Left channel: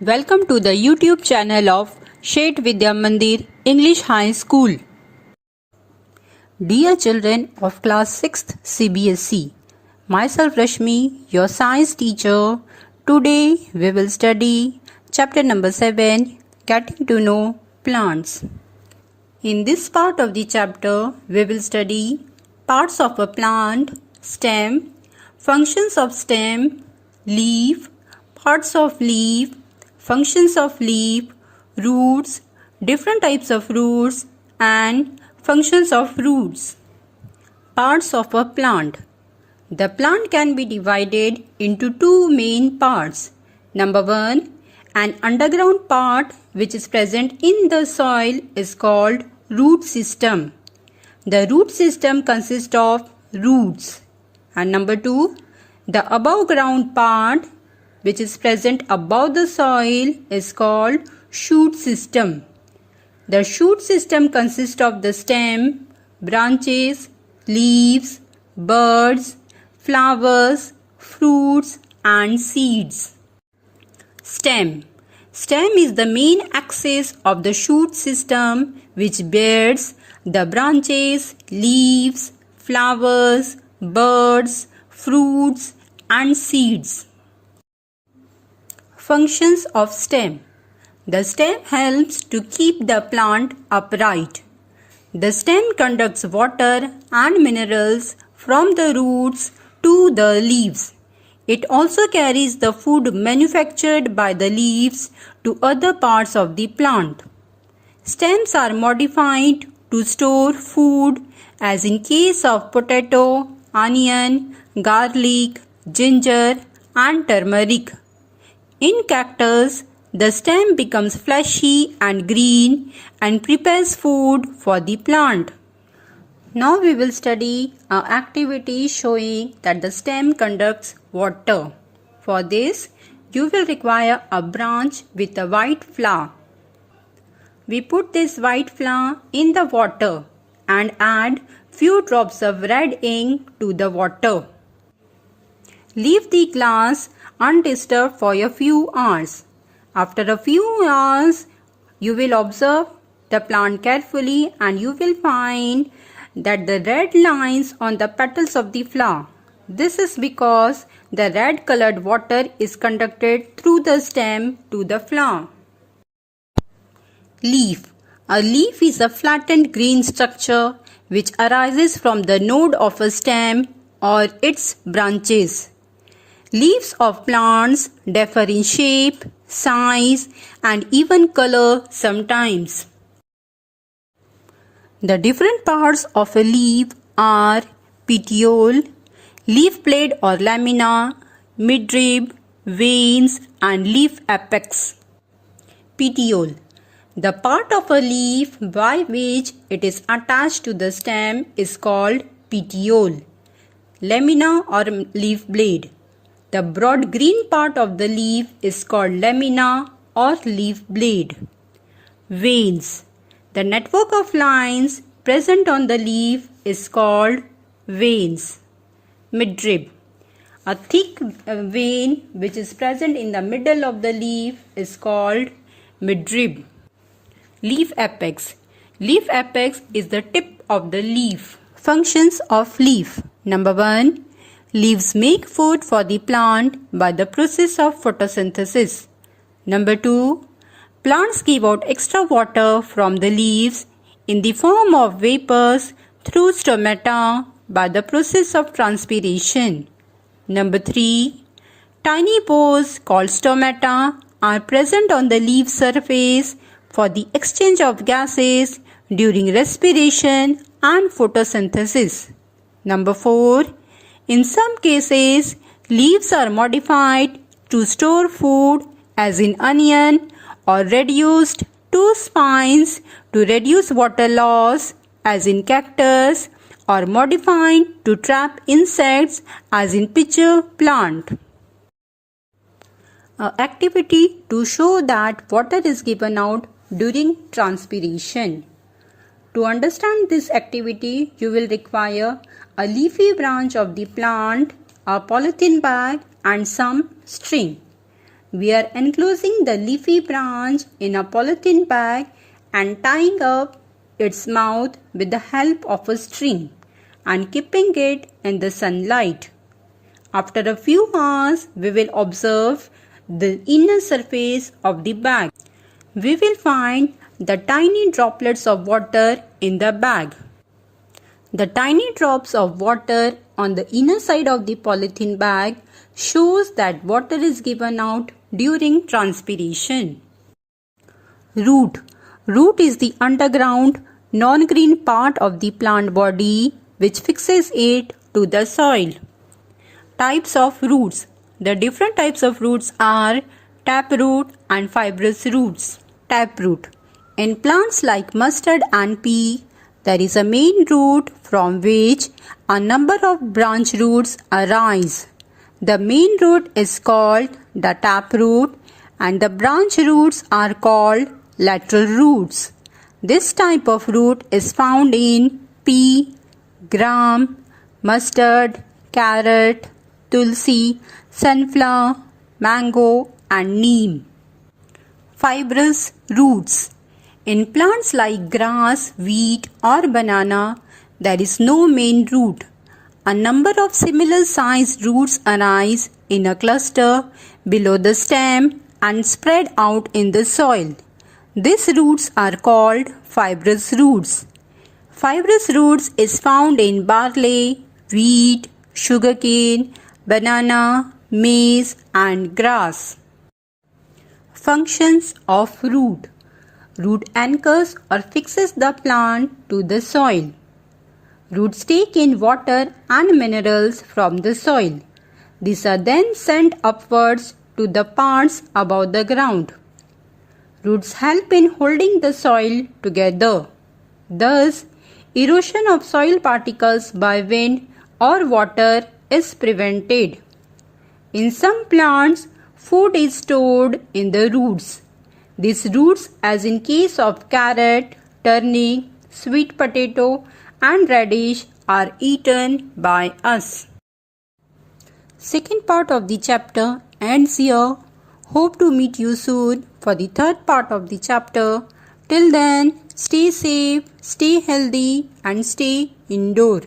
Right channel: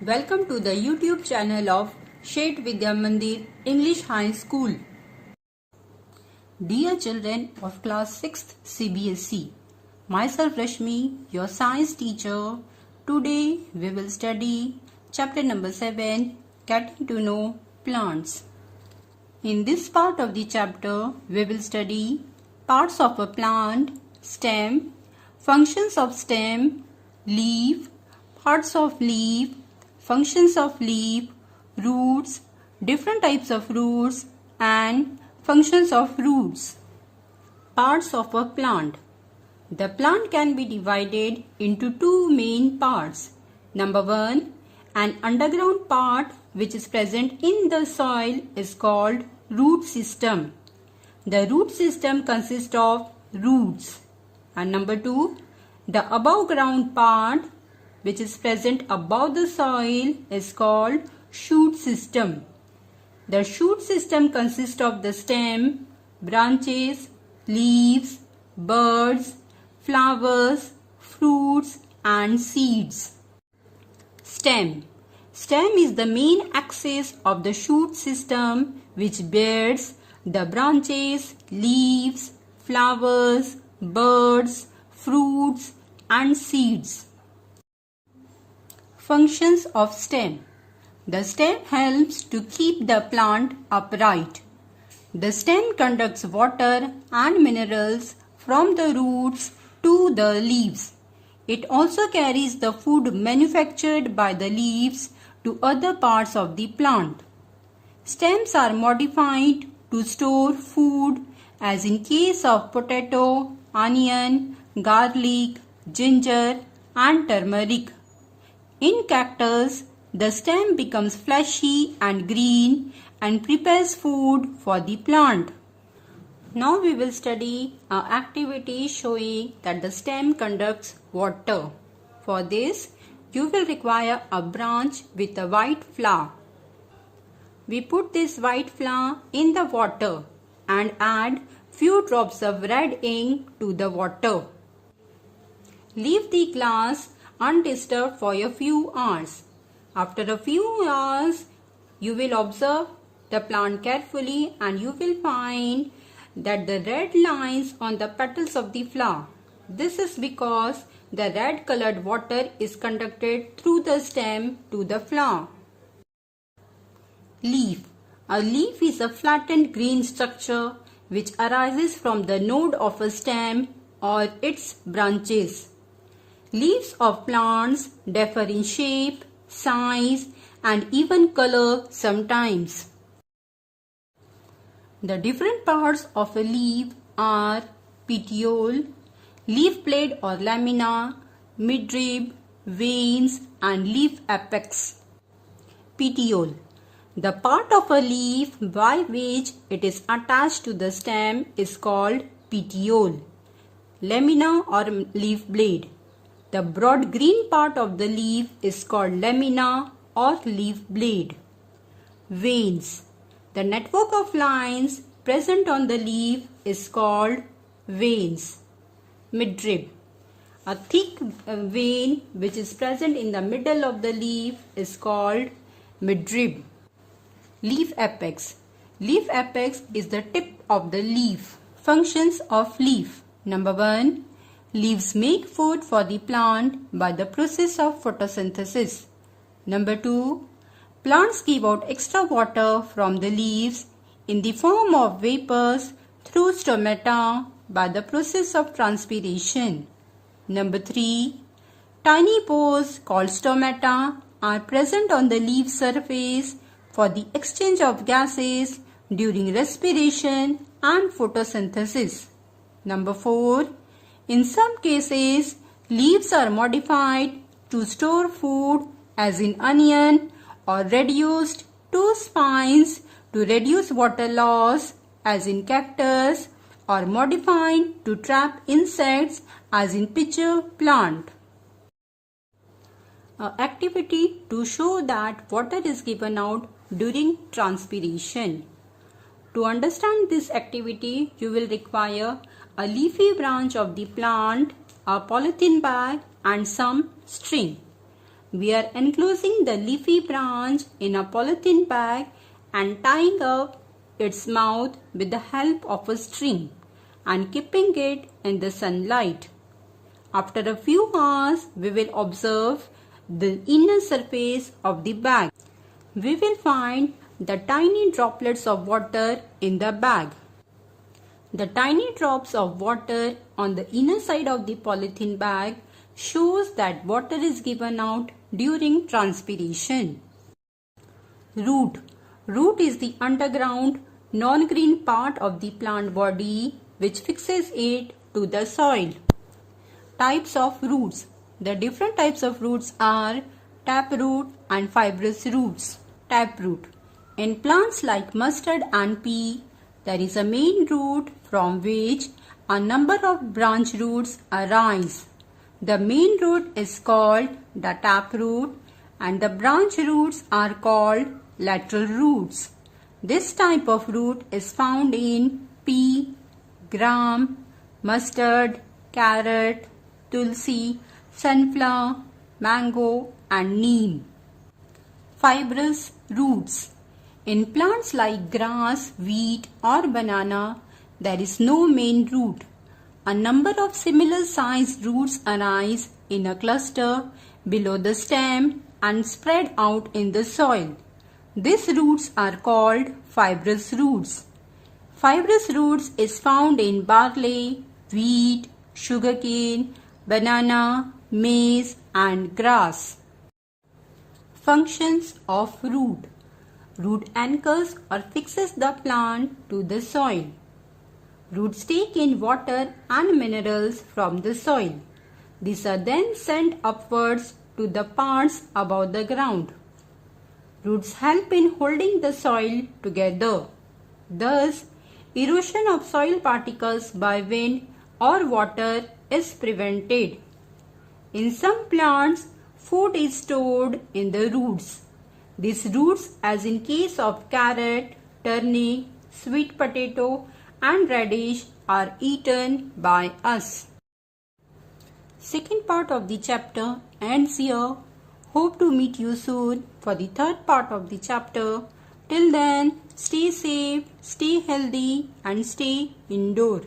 Welcome to the YouTube channel of Shet Vidya Mandir English High School. Dear children of class 6th CBSE, myself Rashmi, your science teacher. Today we will study chapter number 7, Getting to Know Plants. In this part of the chapter, we will study parts of a plant, stem, functions of stem, leaf, parts of leaf, functions of leaf, roots, different types of roots, and functions of roots. Parts of a plant. The plant can be divided into two main parts. Number 1, an underground part which is present in the soil is called root system. The root system consists of roots. And number 2, the above ground part which is present above the soil is called shoot system. The shoot system consists of the stem, branches, leaves, buds, flowers, fruits and seeds. Stem. Stem is the main axis of the shoot system which bears the branches, leaves, flowers, buds, fruits and seeds. Functions of stem. The stem helps to keep the plant upright. The stem conducts water and minerals from the roots to the leaves. It also carries the food manufactured by the leaves to other parts of the plant. Stems are modified to store food, as in case of potato, onion, garlic, ginger and turmeric. In cactus, the stem becomes fleshy and green and prepares food for the plant. Now we will study an activity showing that the stem conducts water. For this, you will require a branch with a white flower. We put this white flower in the water and add few drops of red ink to the water. Leave the glass undisturbed for a few hours. After a few hours, you will observe the plant carefully and you will find that the red lines on the petals of the flower. This is because the red colored water is conducted through the stem to the flower. Leaf. A leaf is a flattened green structure which arises from the node of a stem or its branches. Leaves of plants differ in shape, size, and even color sometimes. The different parts of a leaf are petiole, leaf blade or lamina, midrib, veins, and leaf apex. Petiole. The part of a leaf by which it is attached to the stem is called petiole. Lamina or leaf blade. The broad green part of the leaf is called lamina or leaf blade. Veins. The network of lines present on the leaf is called veins. Midrib. A thick vein which is present in the middle of the leaf is called midrib. Leaf apex. Leaf apex is the tip of the leaf. Functions of leaf. Number 1. Leaves make food for the plant by the process of photosynthesis. Number 2. Plants give out extra water from the leaves in the form of vapors through stomata by the process of transpiration. Number 3. Tiny pores called stomata are present on the leaf surface for the exchange of gases during respiration and photosynthesis. Number 4. In some cases, leaves are modified to store food, as in onion, or reduced to spines to reduce water loss, as in cactus, or modified to trap insects, as in pitcher plant. An activity to show that water is given out during transpiration. To understand this activity, you will require a leafy branch of the plant, a polythene bag and some string. We are enclosing the leafy branch in a polythene bag and tying up its mouth with the help of a string and keeping it in the sunlight. After a few hours, we will observe the inner surface of the bag. We will find the tiny droplets of water in the bag. The tiny drops of water on the inner side of the polythene bag shows that water is given out during transpiration. Root. Root is the underground, non-green part of the plant body which fixes it to the soil. Types of roots. The different types of roots are taproot and fibrous roots. Taproot. In plants like mustard and pea, there is a main root from which a number of branch roots arise. The main root is called the taproot and the branch roots are called lateral roots. This type of root is found in pea, gram, mustard, carrot, tulsi, sunflower, mango and neem. Fibrous roots. In plants like grass, wheat or banana, there is no main root. A number of similar sized roots arise in a cluster below the stem and spread out in the soil. These roots are called fibrous roots. Fibrous roots is found in barley, wheat, sugarcane, banana, maize and grass. Functions of root. Root anchors or fixes the plant to the soil. Roots take in water and minerals from the soil. These are then sent upwards to the parts above the ground. Roots help in holding the soil together. Thus, erosion of soil particles by wind or water is prevented. In some plants, food is stored in the roots. These roots, as in case of carrot, turnip, sweet potato and radish, are eaten by us. Second part of the chapter ends here. Hope to meet you soon for the third part of the chapter. Till then, stay safe, stay healthy and stay indoor.